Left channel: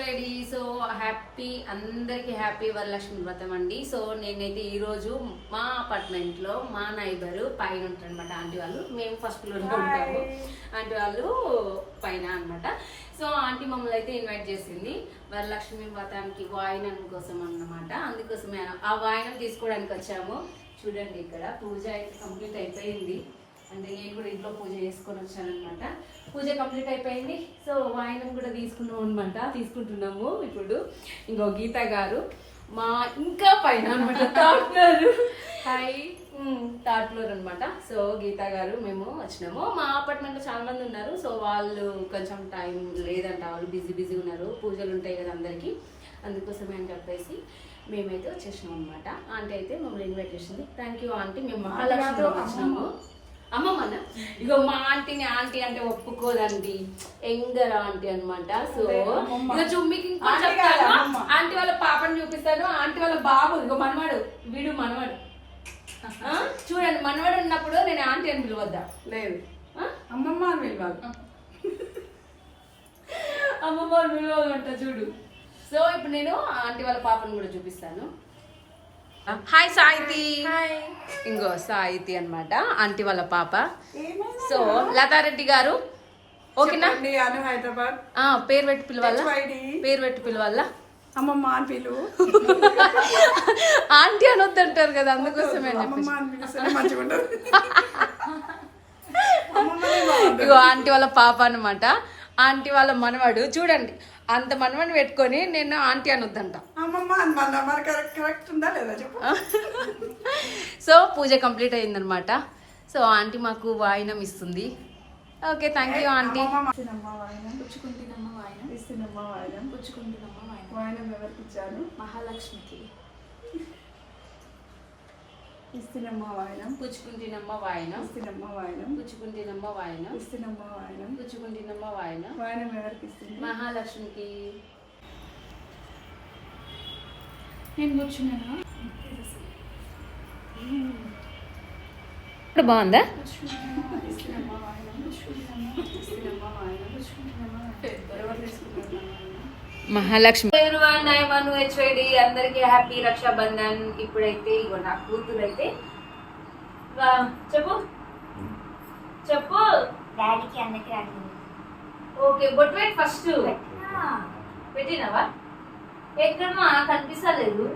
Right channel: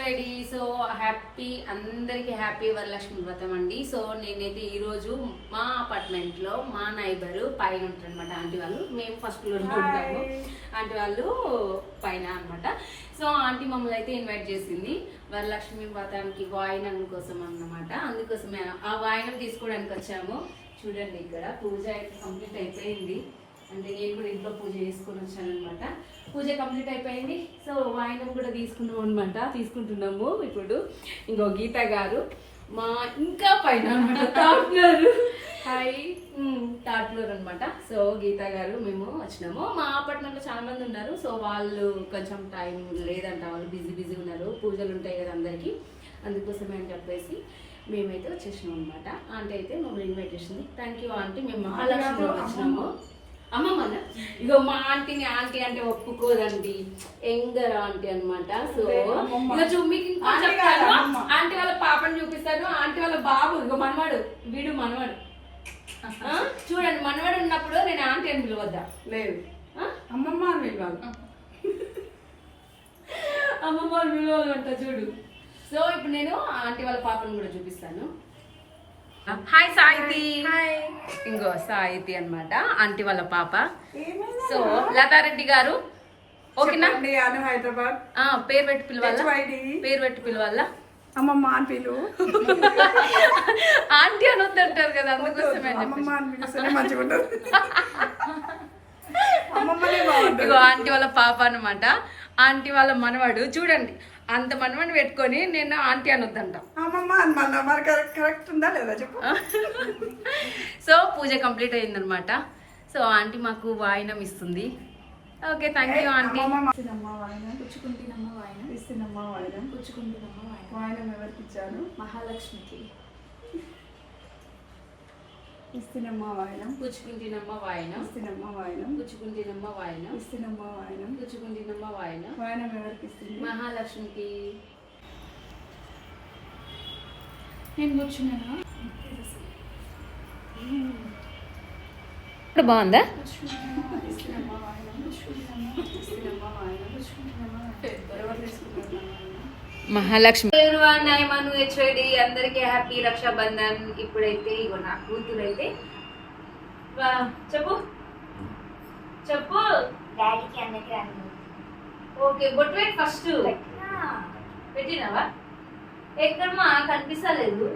HYD. So happy, అందరికీ happy Varalakshmi వ్రతం అండి. సో నేనైతే ఈరోజు మా అపార్ట్మెంట్లో మా నైబరు పైన ఉంటారనమాట ఆంటీ వాళ్ళు. మేము ఫస్ట్ ఫ్లోర్ ఉంటాము, ఆంటీ వాళ్ళు పైన అనమాట. సో ఆంటీ మమ్మల్ని అయితే ఇన్వైట్ చేసింది వరలక్ష్మి వ్రతానికి వాయినం కోసం అన్నమాట. అందుకోసమే ఆ వాయినం తీసుకోవడానికి వచ్చాము. చూడండి, ఇక్కడ పూజ అయితే కంప్లీట్ అయిపోయింది. అంటే నేను కూడా ఇంట్లో పూజ చేసుకొని వచ్చాను అనమాట. పూజ కంప్లీట్ అయిపోయింది. సో వాయినం కూడా తీసుకుంటున్నాము ఇప్పుడు. ఇంకో గీత గారు మా ఇంకా పైన అనమాట, third floor. Hi, third floor అనమాట. సో గీత గారు మేము వచ్చినాము. మా అపార్ట్మెంట్లో చాలా మంది ఉన్నారు. సో వాళ్ళు కొంచెం టైం లేదంట, వాళ్ళు బిజీ ఉన్నారు, పూజలు ఉంటాయి కదా అందరికీ, అందుకోసమే అని చెప్పేసి మేమైతే వచ్చేసినాం అనమాట. ఆంటీ అయితే మమ్మల్ని ఇన్వైట్ చేసింది. Thank you aunty. మేము మహాలక్ష్మిలో వచ్చినాము. అమ్మమ్మన ఇగో మా ఆంటీని ఆంటీ అంటే ఒప్పుకోదండి, ఎంగర్ ఆంటీ అనమాట. సో ఇక మీకు ఇంకా చెప్తాను, ఆంటీ వాళ్ళ పాపని చూపిస్తాను. ఆంటీ వాళ్ళ బాబు ఇగో మనవాడు, వీడు మనవాడు. చూడండి, మనవాడు ఉన్నప్పుడు నేను ఆంటీ అని పిలవద్దా? లేదు, అమ్మమ్మ అని పిలవాలి. అమ్మమ్మ అని పిలవాలంట చూడు. సో ఇప్పుడు నేను ఆంటీ వాళ్ళ పాపని కూడా చూపిస్తాను. హాయ్ సాయితి. ఇంకో సాయితి అనమాట, ఆంటీ వాళ్ళ పాప. సో లతారెడ్డి గారు ఓకేనా? హైదరాబాద్. పేరు పెట్టి పిలవాలా? అమ్మమ్మ అని పిలువు. ఆంటీ అని వద్దంటారు కదా, అందుకోసమే ఆంటీ వాళ్ళ పాప అనమాట. ఆంటీ వాళ్ళ మనవాడు. చూడండి, అంత మనమని పెట్టుకొని నేను ఆంటీ అని వద్దంట. కరెక్ట్ ఉందా లేదా చెప్పు. సో పూజ కంప్లీట్ అయిందనమాట. సో ఆంటీ మాకు వాయినం ఇస్తుంది. Okay, thank you aunty. వాయినం ఎవరికి ఇచ్చారు? మహాలక్ష్మికి ఇస్తున్నమ్మ వాయినం. పుచ్చుకుంటున్నమ్మ వాయినం. ఇస్తున్నమ్మ వాయినం. పుచ్చుకుంటున్నమ్మ వాయినం. ఇస్తున్నమ్మ వాయినం. పుచ్చుకుంటున్నమ్మ వాయినం. వాయినం ఎవరికి ఇస్తుంది? మహాలక్ష్మికి. నేను కూర్చున్నాను. బాగుందా? మహాలక్ష్మి. హెచ్ఐడి అందరికీ హ్యాపీ రక్షాబంధన్. ఇప్పుడైతే ఇగో నా కూతురు అయితే చెప్పు డాడీకి అందరికి రాని. ఓకే, బొట్టు పెట్టి ఫస్ట్ పెట్టినావా? ఎక్కడమ్మా కనిపిస్తలేదు.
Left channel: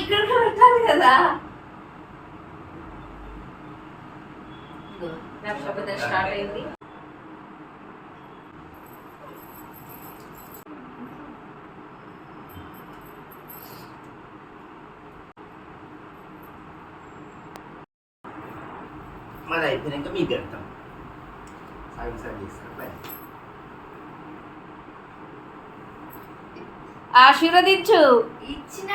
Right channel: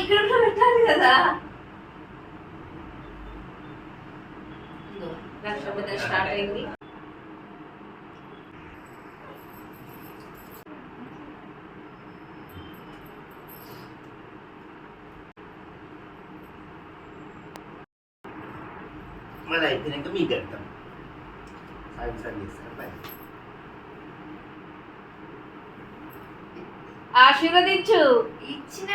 ఇక్కడ పెట్టాలి కదా. రక్షాబంధన్ స్టార్ట్ అయింది. మరి అయిపోయినాక మీకు వెళ్తాం. సాయం చేస్తారు. ఆశీర్వదించు. ఇచ్చిన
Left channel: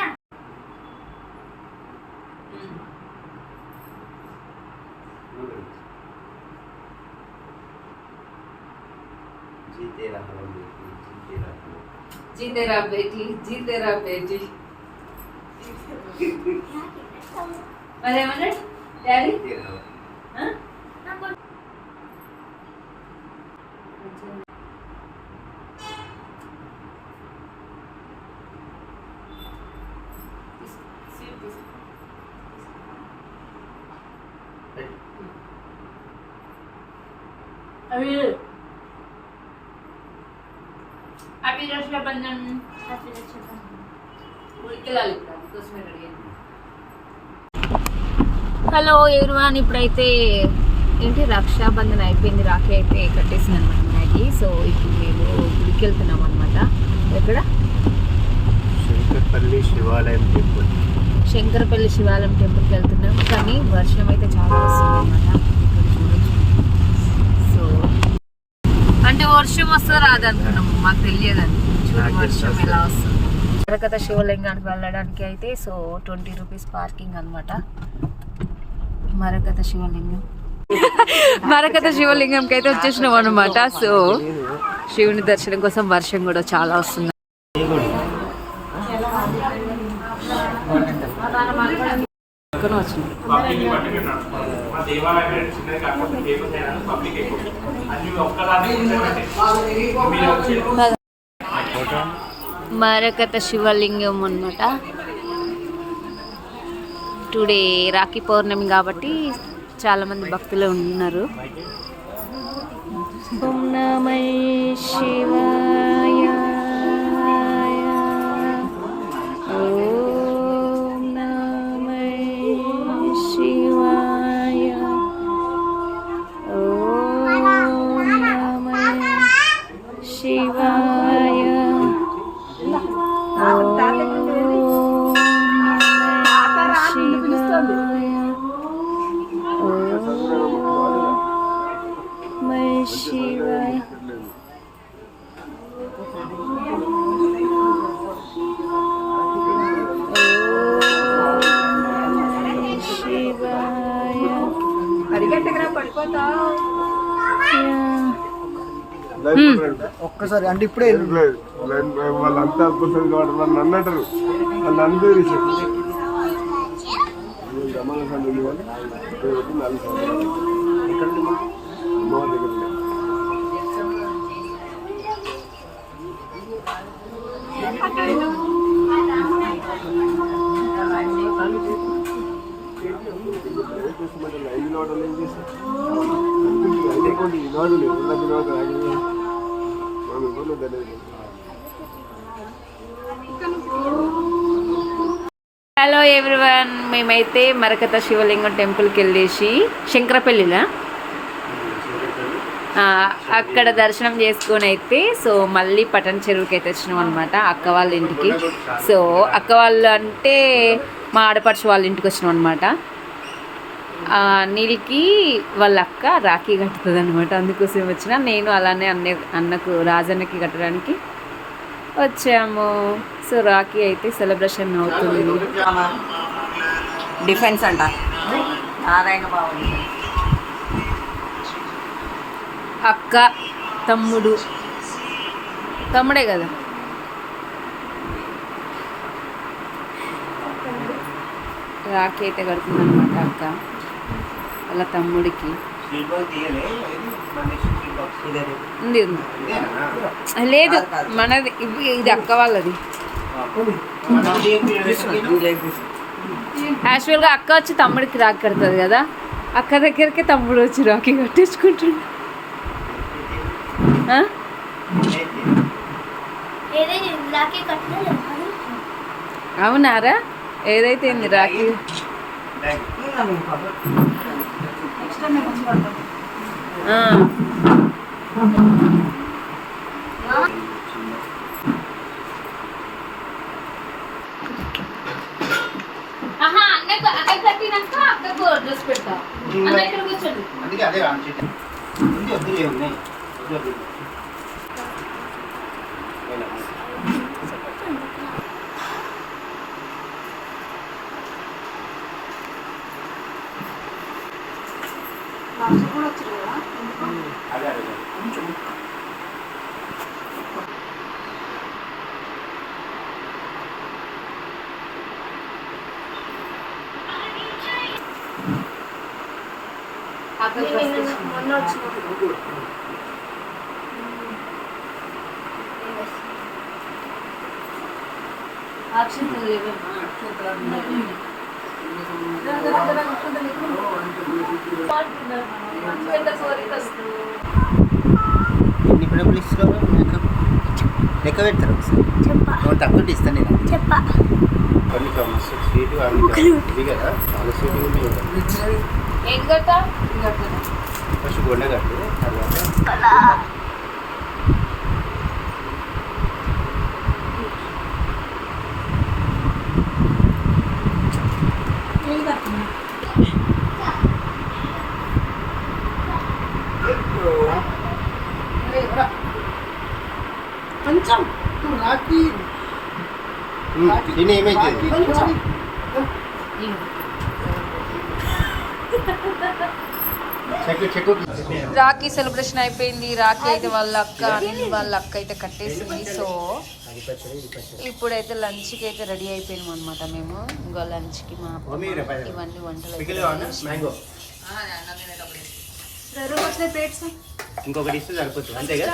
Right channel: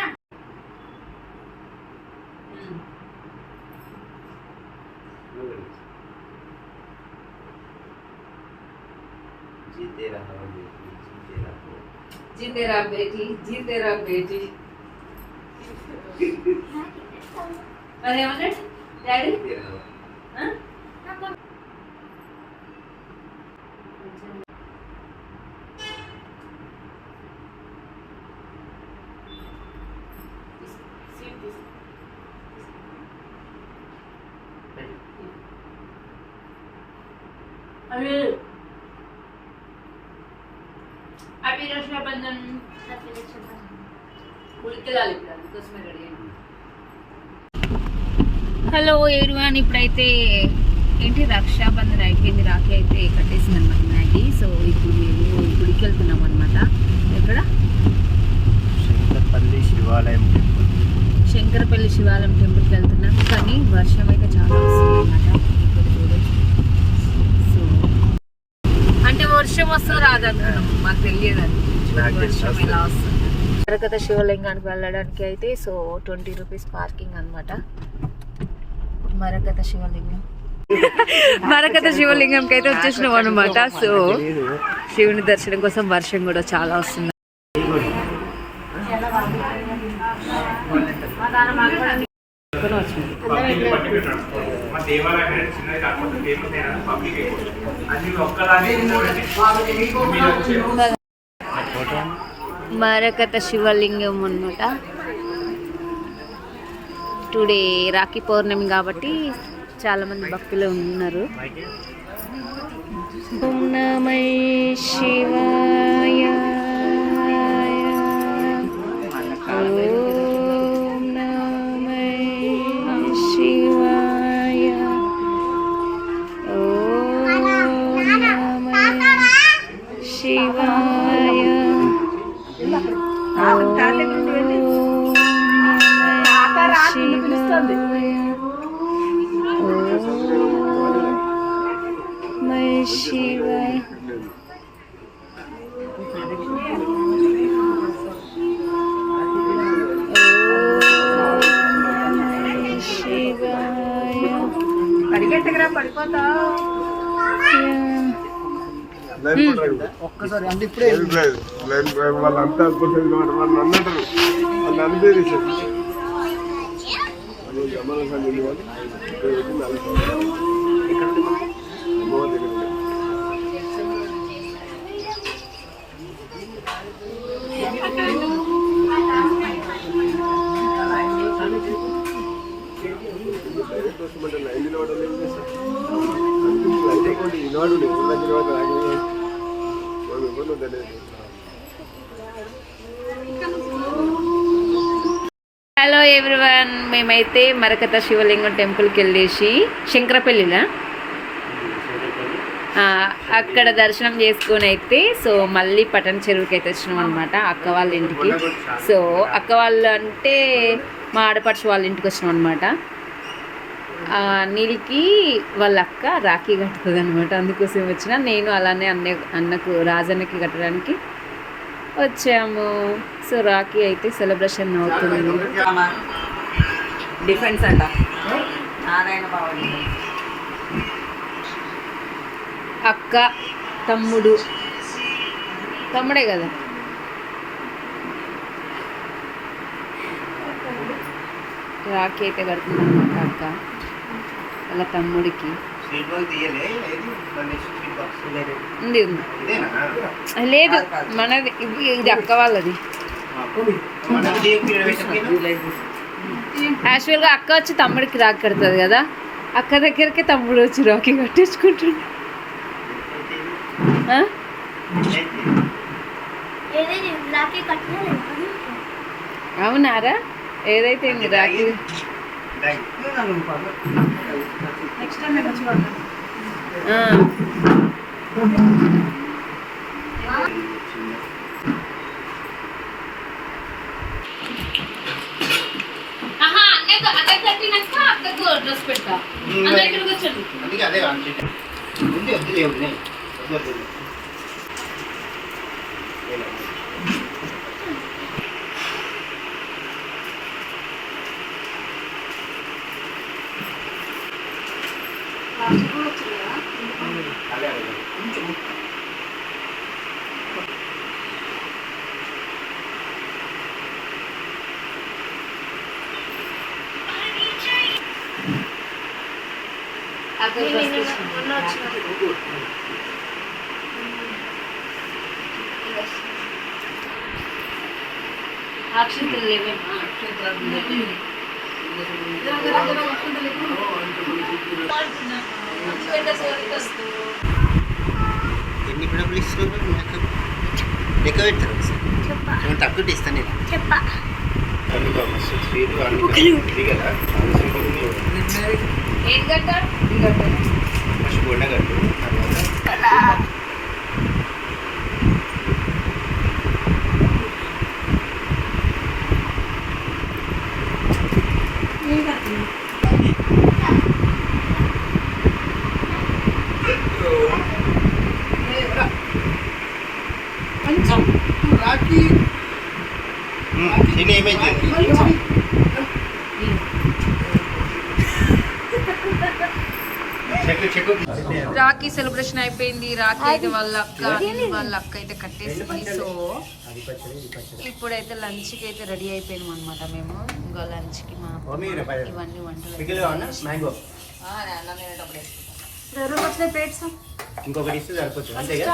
జీతే రహో బేటీ, జీతే రా బేటీ. మరేమన్నాడు డాడీ? హ్యాపీ రక్షాబంధన్. ఉడికెళ్ళాలి ఇప్పుడు, అందుకోసమే రెడీ అయింది. హలో ఎవ్రీవన్, ఇప్పుడైతే ఏంటి రక్షాబంధన్ అయిపోయింది. రాఖీ అయితే కట్టేసింది అనమాట మ్యాగీ. సో ఇప్పుడు మేము గుడికి వెళ్తున్నాం అనమాట. ఎక్కడ? శంకరపల్లి శివాలయం టెంపుల్. శంకరపల్లి శివాలయం టెంపుల్కి వెళ్తున్నాం. కానీ వర్షం అయితే చాలా వస్తుంది అనమాట. ఇక్కడ చూడొచ్చు. సో అంటే వర్షం వస్తుందో రాదనుకున్నాము, మాకు తెలియదండి. వర్షం ఎలా వస్తుంది. మరకత శివలింగానికి వెళ్ళడానికి అయితే సో 20 రూపీస్ పార్కింగ్ అనమాట. మరకత శివలింగంకి అయితే వచ్చేసినాం అనమాట. సో శివుని దర్శనం కోసం వర్షం కూడా చాలా వస్తుంది. దేవాలయం అనేది చిన్నది కాకపోతే ఫేమస్ అయినా పబ్లిక్ ఎక్కువ అన్ని ఒక్కలాగే మరకత శివలింగం అన్నమాట. టుడే రాఖీ పౌర్ణమి కాబట్టి చాలా మంది భక్తులు ఉన్నారు. ఓం నమః శివాయ, ఓం నమః శివాయ, ఓం నమః శివాయ, ఓం నమః శివాయ, శివాయ. ఒక్కసారి అంటే ఇప్పుడే వాళ్ళంతా వాళ్ళు అన్నట్టు వాళ్ళు అనిపేరు హలో ఎవ్రీవన్, మేమైతే మరకత శివలింగం టెంపుల్కి వెళ్ళేసి శంకరపల్లిలా అక్కడ దర్శనం చేసుకొని అయితే సో మళ్ళీ పటన్ చెరువుకి అయితే వచ్చినాం అనమాట అక్క వాళ్ళ ఇంటికి. సో అక్క వాళ్ళు అంటే మా ఆడపడుచు వాళ్ళ ఇంటికి వచ్చినాం అనమాట. నీళ్ళకి వాళ్ళ అక్క రాఖీ కట్టుతుంది అనమాట, అందుకోసం వచ్చిన. నేను అలానే అన్నకు రాజన్నకి కట్టడానికి వచ్చాము. సో రాఖీ అయితే సెలబ్రేషన్ అవుతుంది. డిఫెన్స్ అంట నారాయణ బాబు అక్క తమ్ముడే కదా. రాఖీ అయితే కడుతుంది అనమాట అక్క వాళ్ళ తమ్ముడికి. ఉంది లేదు మనది, ఇది అక్క వాళ్ళది. యాక్చువల్గా అక్క వచ్చి తమ్ముడికి రాఖీ కడుతుంది కదా, అక్క దగ్గరికి తమ్ముడు వచ్చి రాఖీ కట్టించుకుంటుండు. అవునారా? ఏదైతే రాఖీ డ్రెస్ పెడతా ఇక్కడికి వచ్చండి. మొన్న వచ్చిన అక్షంతలు లేవేమా? ఎన్ని డబ్బులు ఇస్తున్నావు? లెక్క పెడతాను తక్కువ ఇస్తాను నేను. ఏం కట్టా? ఫస్ట్ గొండ కట్టు, కొంచెం రాఖీ ఏమైతుంది? రాఖీ సెలబ్రేషన్ అయిపోయింది. రాఖీ అయితే వాళ్ళ అక్క అయితే కట్టేసింది. సో ఇప్పుడైతే లంచ్కి అయితే రెడీ అయిపోయినాం అనమాట. మేము ఇంకా లంచ్కి ఇవన్నీ వంటలు అన్నం తినేటప్పుడు వేసుకుంటాం. రూమ్ వస్తాయి ప్లేట్స్ ఇంకొకటి ఇస్తే సరిపోతుంది అంతేగా